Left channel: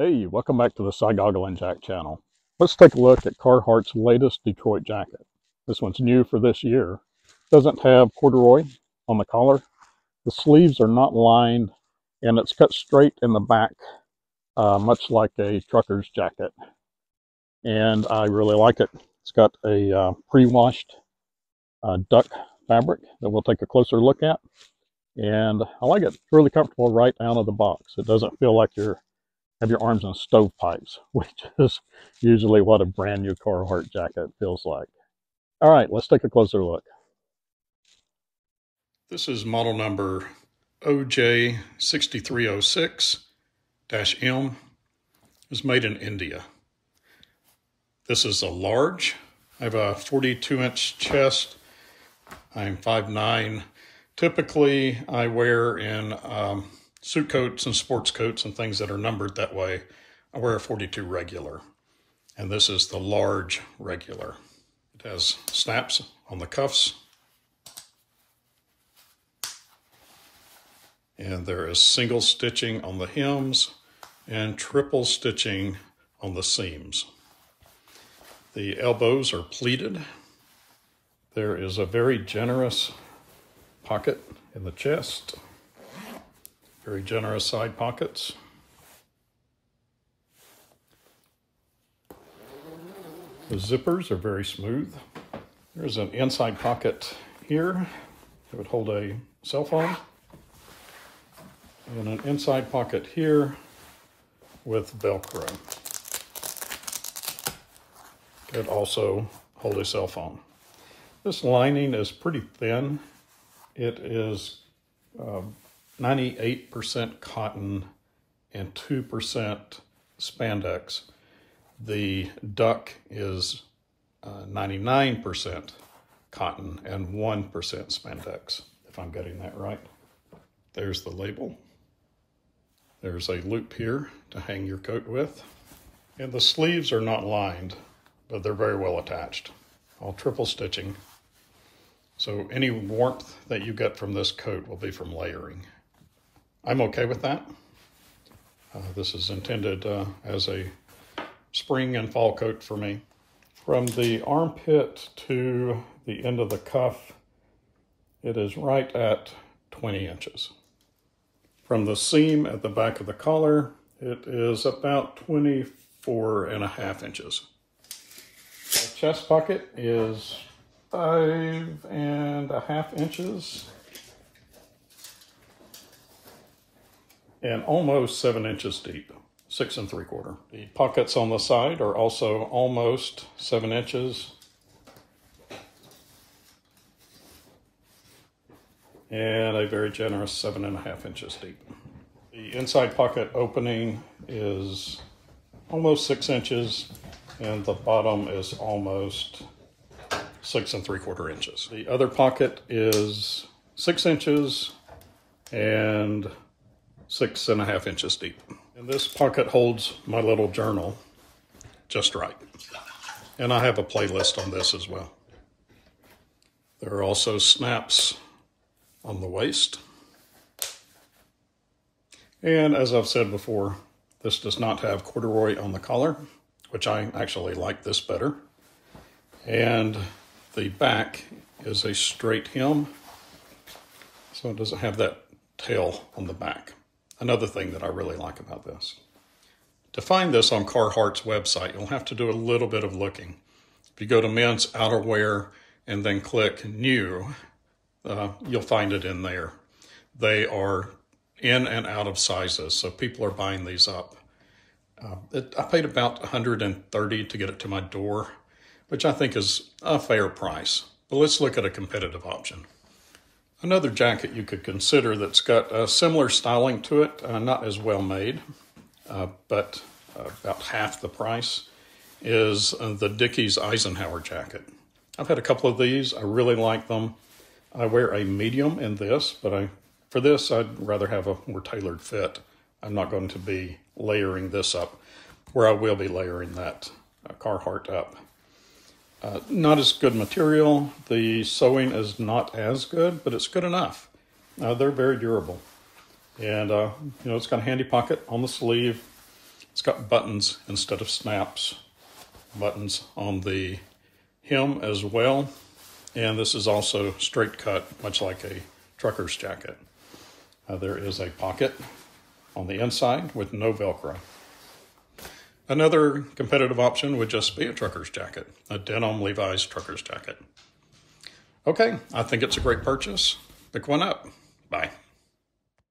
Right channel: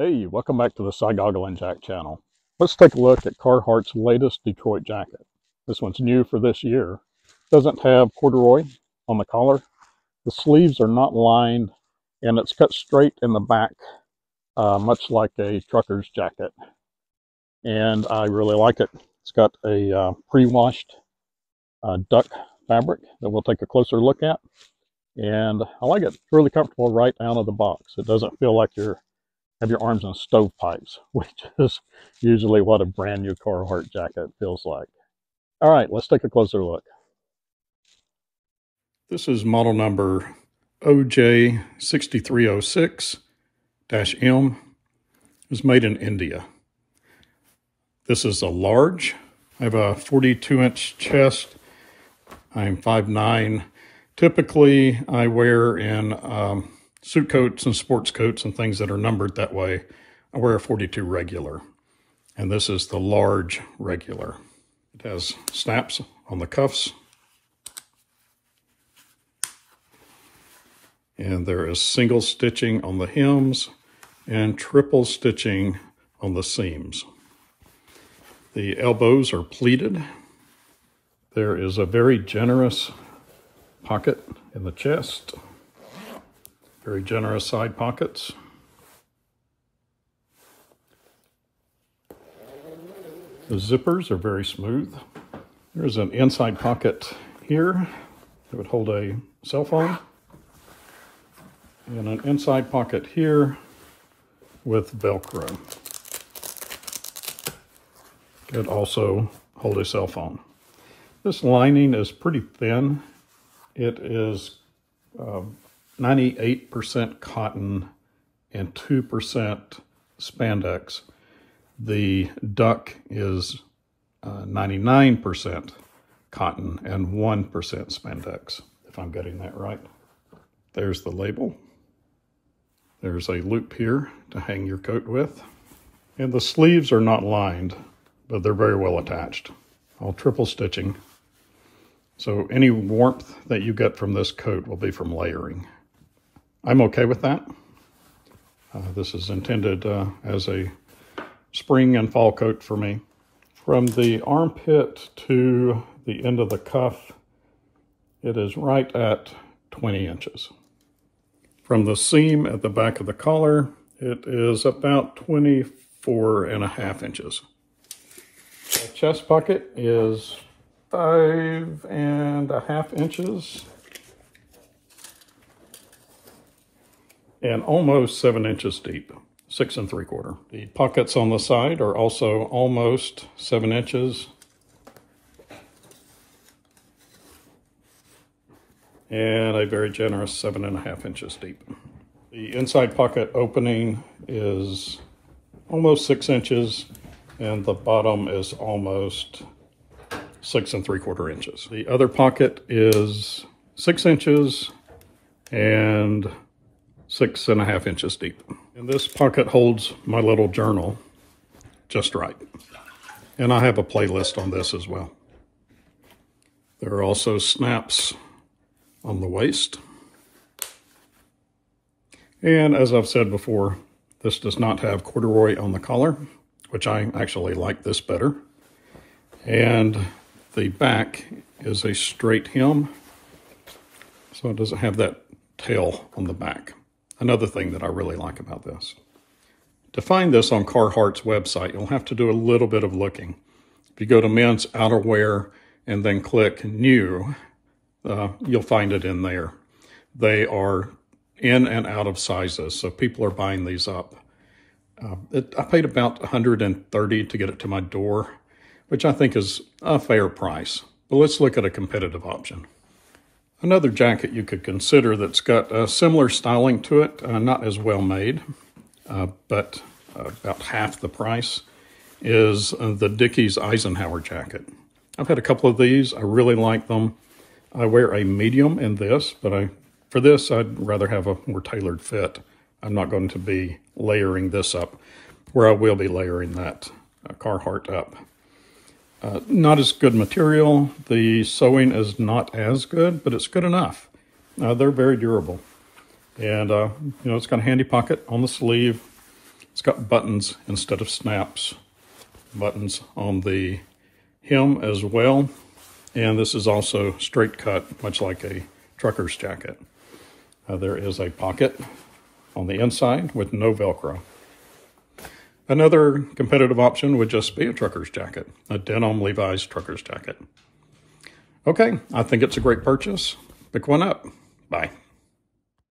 Hey, welcome back to the Goggle and Jack channel. Let's take a look at Carhartt's latest Detroit jacket. This one's new for this year. Doesn't have corduroy on the collar. The sleeves are not lined, and it's cut straight in the back, much like a trucker's jacket. And I really like it. It's got a pre-washed duck fabric that we'll take a closer look at. And I like it. It's really comfortable right out of the box. It doesn't feel like you're have your arms in stovepipes, which is usually what a brand new Carhartt jacket feels like. All right, let's take a closer look. This is model number OJ6306-M. It was made in India. This is a large. I have a 42-inch chest. I'm 5'9". Typically, I wear in suit coats and sports coats and things that are numbered that way. I wear a 42 regular, and this is the large regular. It has snaps on the cuffs, and there is single stitching on the hems and triple stitching on the seams. The elbows are pleated. There is a very generous pocket in the chest. Very generous side pockets. The zippers are very smooth. There's an inside pocket here that would hold a cell phone, and an inside pocket here with Velcro. It also holds a cell phone. This lining is pretty thin. It is 98% cotton and 2% spandex. The duck is 99% cotton and 1% spandex, if I'm getting that right. There's the label. There's a loop here to hang your coat with. And the sleeves are not lined, but they're very well attached. All triple stitching. So any warmth that you get from this coat will be from layering. I'm okay with that. This is intended as a spring and fall coat for me. From the armpit to the end of the cuff, it is right at 20 inches. From the seam at the back of the collar, it is about 24.5 inches. The chest pocket is 5.5 inches. And almost 7 inches deep, 6 3/4. The pockets on the side are also almost 7 inches. And a very generous 7.5 inches deep. The inside pocket opening is almost 6 inches, and the bottom is almost 6 3/4 inches. The other pocket is 6 inches and 6.5 inches deep. And this pocket holds my little journal just right. And I have a playlist on this as well. There are also snaps on the waist. And as I've said before, this does not have corduroy on the collar, which I actually like this better. And the back is a straight hem, so it doesn't have that tail on the back. Another thing that I really like about this. To find this on Carhartt's website, you'll have to do a little bit of looking. If you go to men's outerwear and then click new, you'll find it in there. They are in and out of sizes, so people are buying these up. I paid about $130 to get it to my door, which I think is a fair price. But let's look at a competitive option. Another jacket you could consider that's got a similar styling to it, not as well made, but about half the price, is the Dickies Eisenhower jacket. I've had a couple of these. I really like them. I wear a medium in this, but for this, I'd rather have a more tailored fit. I'm not going to be layering this up, where I will be layering that Carhartt up. Not as good material. The sewing is not as good, but it's good enough. They're very durable. And, it's got a handy pocket on the sleeve. It's got buttons instead of snaps. Buttons on the hem as well. And this is also straight cut, much like a trucker's jacket. There is a pocket on the inside with no Velcro. Another competitive option would just be a trucker's jacket, a denim Levi's trucker's jacket. Okay, I think it's a great purchase. Pick one up. Bye.